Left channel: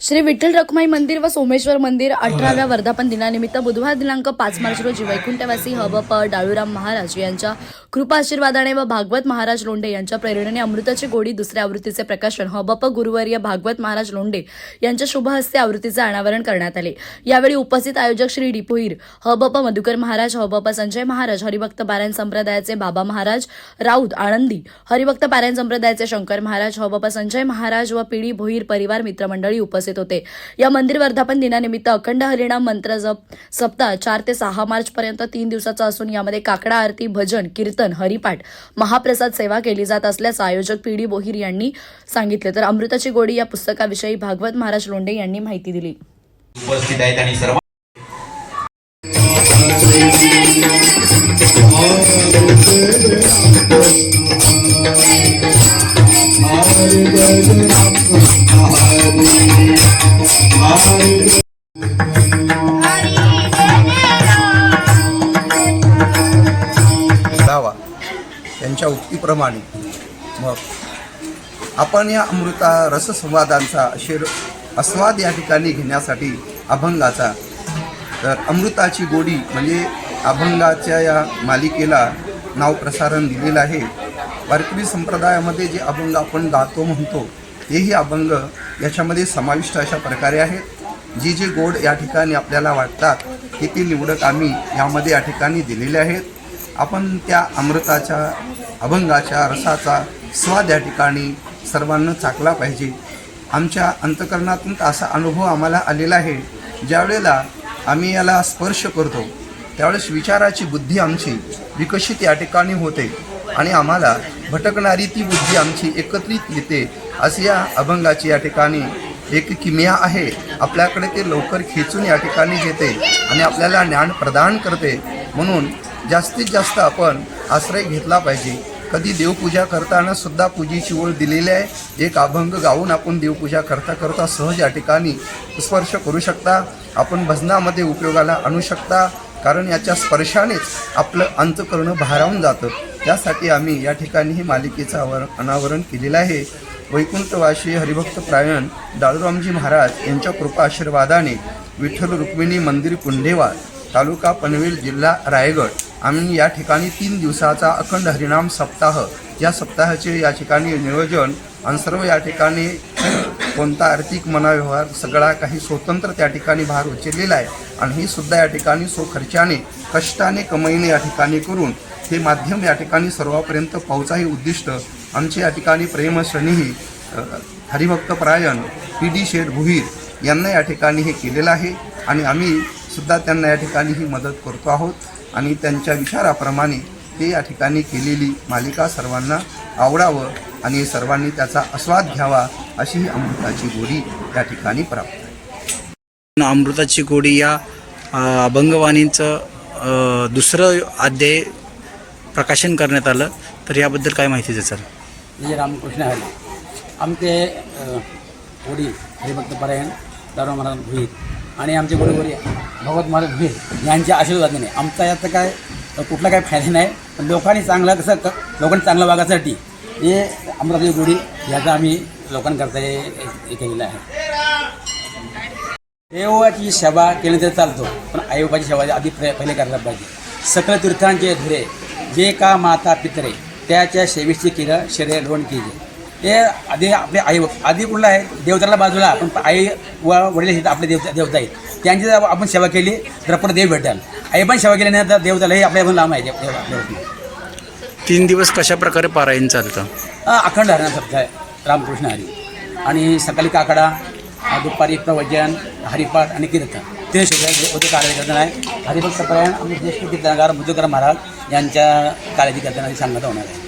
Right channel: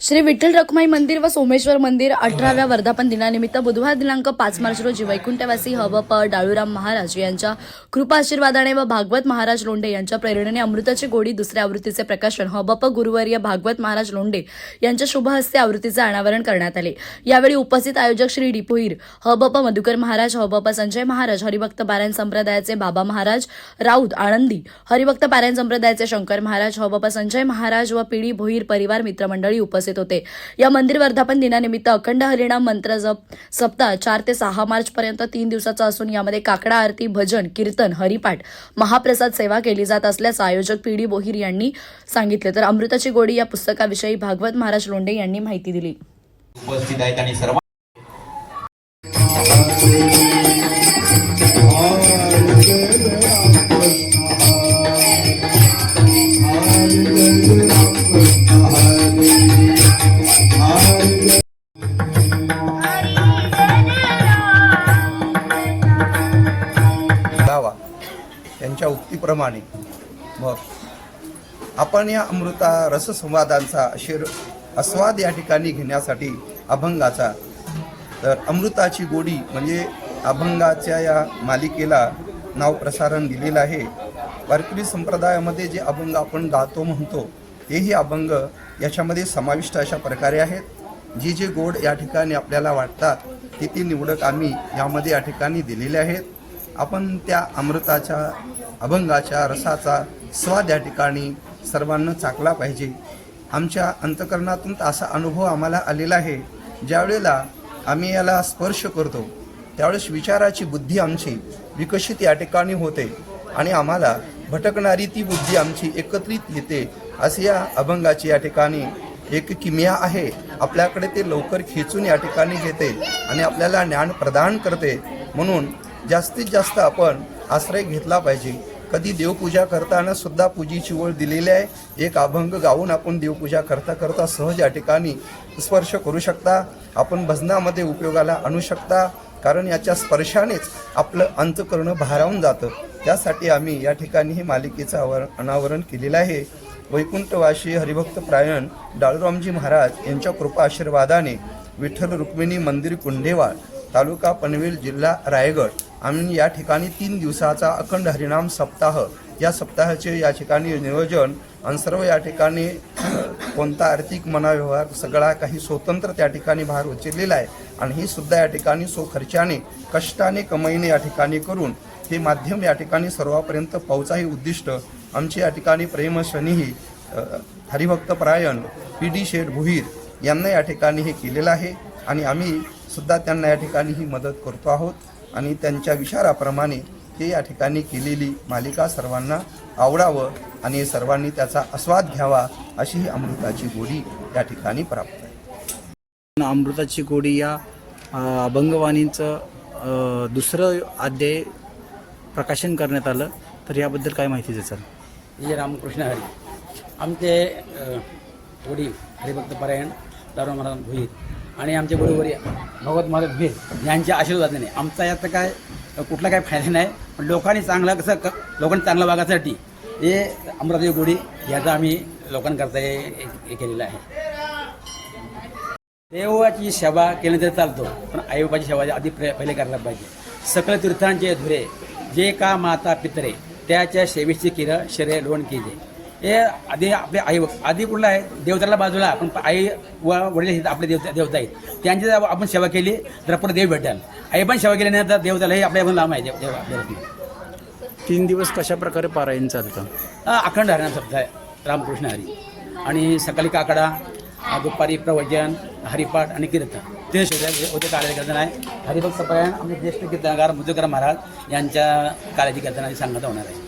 श्री विठ्ठल रखुमाई मंदिर व सोमेश्वर मंदिर अठराव्या वर्धापन दिनानिमित्त बुधवार दिनांक पाच मार्च रोजी वैकुंठवासी हवप डाळूराम महाराज यांच्या कृपा आशीर्वादाने व भागवत महाराज लोंढे यांच्या प्रेरणेने अमृताची गोडी दुसऱ्या आवृत्तीचे प्रकाशन हबप गुरुवर्य भागवत महाराज लोंढे यांच्या शुभ हस्ते आवृत्तीचे अनावरण करण्यात आले. यावेळी उपस्थित आयोजक श्री डिपोईर हबप मधुकर महाराज हबप संजय महाराज हरिभक्त पारायण संप्रदायाचे बाबा महाराज राऊत आनंदी हरिभक्त पारायण संप्रदायाचे शंकर महाराज हबप संजय महाराज व पिढी भोईर परिवार मित्रमंडळी उपस्थित होते. या मंदिर वर्धापन दिनानिमित्त अखंड हरिणाम मंत्र जप सप्ताह चार ते सहा मार्च पर्यंत तीन दिवसाचा असून यामध्ये काकडा आरती भजन कीर्तन हरिपाठ महाप्रसाद सेवा केली जात असल्याचं आयोजक पी डी बोहीर यांनी सांगितले. तर अमृताची गोडी या पुस्तकाविषयी भागवत महाराज लोंढे यांनी माहिती दिली. उपस्थित आहेत आणि सर्व प्राप्तीप्रमाणे मग आपण या अमृता रससंवादांचा शेर आस्वाद या ठिकाणी घेण्यासाठी अभंगाचा तर अमृताची गोडी म्हणजे अभंगाच्या या मालिकेला नाव प्रसारण दिलेलं आहे. वारकरी संप्रदायामध्ये जे अभंग आपण गातो म्हणतो तेही अभंग याच्यामध्ये समाविष्ट अशा प्रकारे आहेत. जी जी गोड या ठिकाणी आपल्याला वाटतात की ती निवडक आम्ही यामध्ये या ठिकाणी दिलेले आहेत. आपण त्या अमृताच्या अभंगाच्या रसाचा स्वाद या ठिकाणी सर्वांना चाकला पाहिजे. आमच्या अंतकरणातून असा अनुभव आम्हाला आलेला आहे ज्यावेळेला आम्ही याला स्पर्श करतो त्यावेळेस विचाराची बुद्धी आमची विकसित या ठिकाणी होते आणि आम्हाला भटकणारी ती बुद्धी आमची एकत्रित येते असे या अभंगाची या ठिकाणी एक किमिया आहे. आपल्याकडे ते लवकर खेचून या ठिकाणी घेते आणि आपल्याला ज्ञान प्रदान करते. म्हणून जास्तीत जास्त आपण आश्रय घेतला पाहिजे. कधी देवपूजा करताना सुद्धा पूजेची ओळ दिलेली आहे. एक अभंग गाऊन आपण देवपूजा करता करता सहज या ठिकाणी स्पर्श करू शकता. आपण भजनामध्ये उपयोगाला आणू शकता. कारण याच्या स्पर्शानेच आपलं अंतकरण भारावून जातं. त्यासाठी आम्ही या ठिकाणी ही मालिकेचं आवर अनावरण केलेलं आहे. वैकुंठवाशी हरिभक्त प्रायण डाळूरामजी महाराज यांच्या कृपा आशीर्वादाने विठ्ठल रुक्मिणी मंदिर कुंडेवा तालुका पनवेल जिल्हा रायगड. आम्ही या ठिकाणी तीन दिवसाचा अखंड हरिनाम सप्ताह या सप्ताहाचे या ठिकाणी नियोजन आणि सर्व या ठिकाणी कोणता आर्थिक मनाव्यवहार सगळा काही स्वतंत्र त्या ठिकाणी भार उचललेला आहे. आणि ही सुद्धा या ठिकाणी स्वखर्चाने कष्टाने कमाईने या ठिकाणी करून हे माध्यम या ठिकाणी सर्वापर्यंत पोहोचा उद्दिष्ट आमचे या ठिकाणी प्रेमश्रेणीही हरिभक्तपरायण हरिभक्त पी डी शेठ भुईर यांना या ठिकाणी हे केलेलं आहे. आणि आम्ही सुद्धा त्यांना या ठिकाणी ही मदत करतो आहोत. आणि त्यांच्या विचाराप्रमाणे हे या ठिकाणी केलेली मालिका सर्वांना आवडावं आणि सर्वांनी त्याचा आस्वाद घ्यावा अशी ही अमृताची गोडी या ठिकाणी प्राप्त आहे. अमृताची गोडी या अभंगवाणीचं दुसरं अध्याय प्रकाशन करण्यात आलं तर याबद्दल काय माहिती द्या सर? जय रामकृष्ण हरी. आमचे वडील हरिभक्त परायण दादा महाराज भुईर. आणि आमचे बरोबर भगवत महाराज भुईर यांच्या आशीर्वादाने. आमचा याचं काय कुठला काय फायदा नाही पण लोकांनी चांगलं कसं लोकांनी चांगलं वागायसाठी हे अमरावती गुढी याचा आम्ही लोकांकरता हे हे केलेलं आहे. देवाची सेवा केली तर चालतो पण आईबाबाची सेवा आधी प्र पहिले करायला पाहिजे. सकल तीर्थांचे धुरे जे का माता पितरे त्याच्या सेवेची किरं शरीर लोण केली हे आधी आपले आई आधी कुठलं आहे? देवताला बाजूला. पण आई व वडील आपले देवता देवता आहेत. त्यांची जर आपण सेवा केली तर आपण देव भेटाल आई पण सेवा केली नाही तर देवताला हे आपल्या पण लांब आहे. तीन दिवस कशा प्रकारे पारायण चालतं? अखंड सप्ताह आहे. रामकृष्ण हरी. आणि सकाळी काकडा दुपारी प्रवचन हरिपाठ आणि कीर्तन. ते सुद्धा कार्यकीर्तन आहे. हरिभक्त प्रयाण आमचे ज्येष्ठ कीर्तनकार मधुकर महाराज यांच्या कार्याची कीर्तनाची सांगण्यात होणार आहे